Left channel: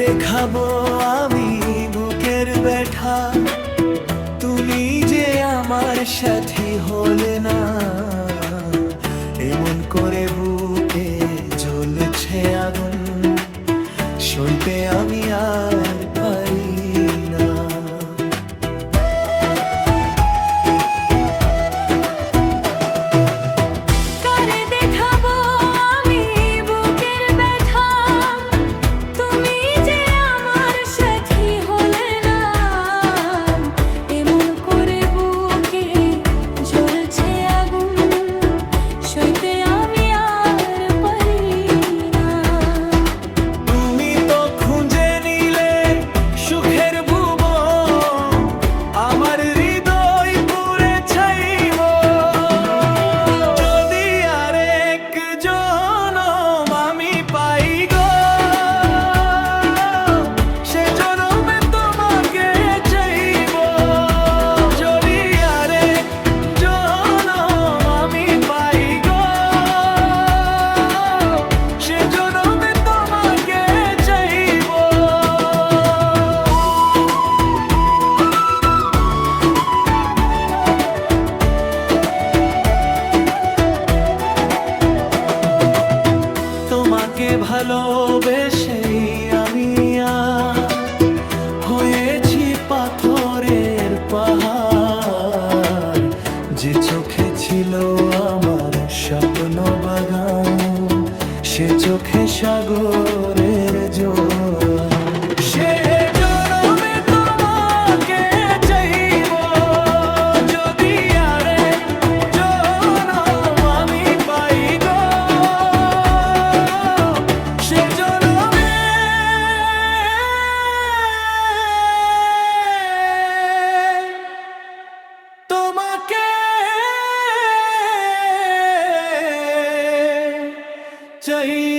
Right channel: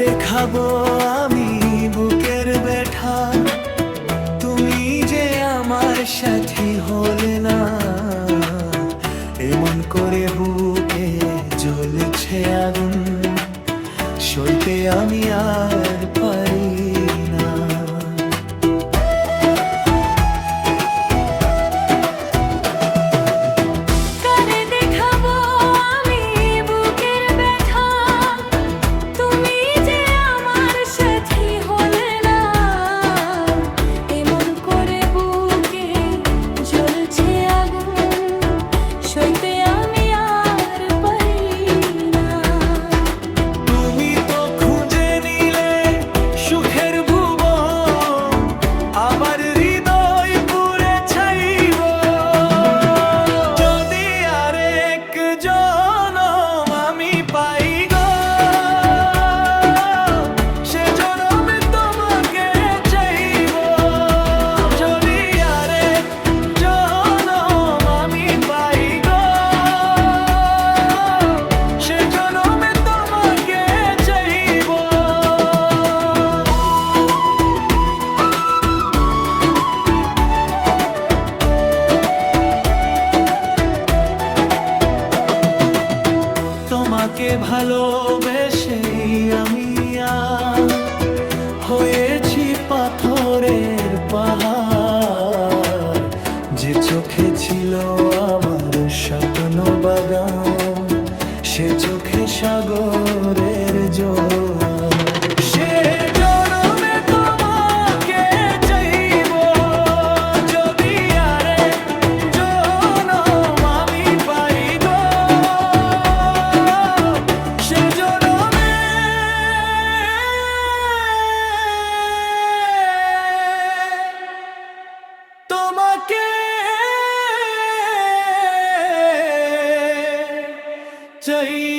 দেখাবো আমি বুকের ব্যথা, তুমি যে আমার সাথী হলে না। এমন করে বুকে জ্বলছে আগুন, সইতে আমি আর পারি না। সইতে আমি আর পারি না। তুমি তো খুঁজে নিলে সুখের ভুবন, আমার হৃদয় পুরে ছাইব। যদি আরেক জনম আমি পাই গো, সে জনমে তোমাকে চাইব। যদি আরেক জনম আমি পাই গো, সে জনমে তোমাকে চাইব। তোমাকে ভালোবেসে আমি হয়েছি পাথরের পাহাড়। যে চোখে ছিল আমার স্বপ্ন বাগান, সে চোখে সাগরের জোয়ার। সে জনমে তোমাকে চাইব, যদি আরেক জনম আমি পাই গো, সে জনমে তোমাকে চাই।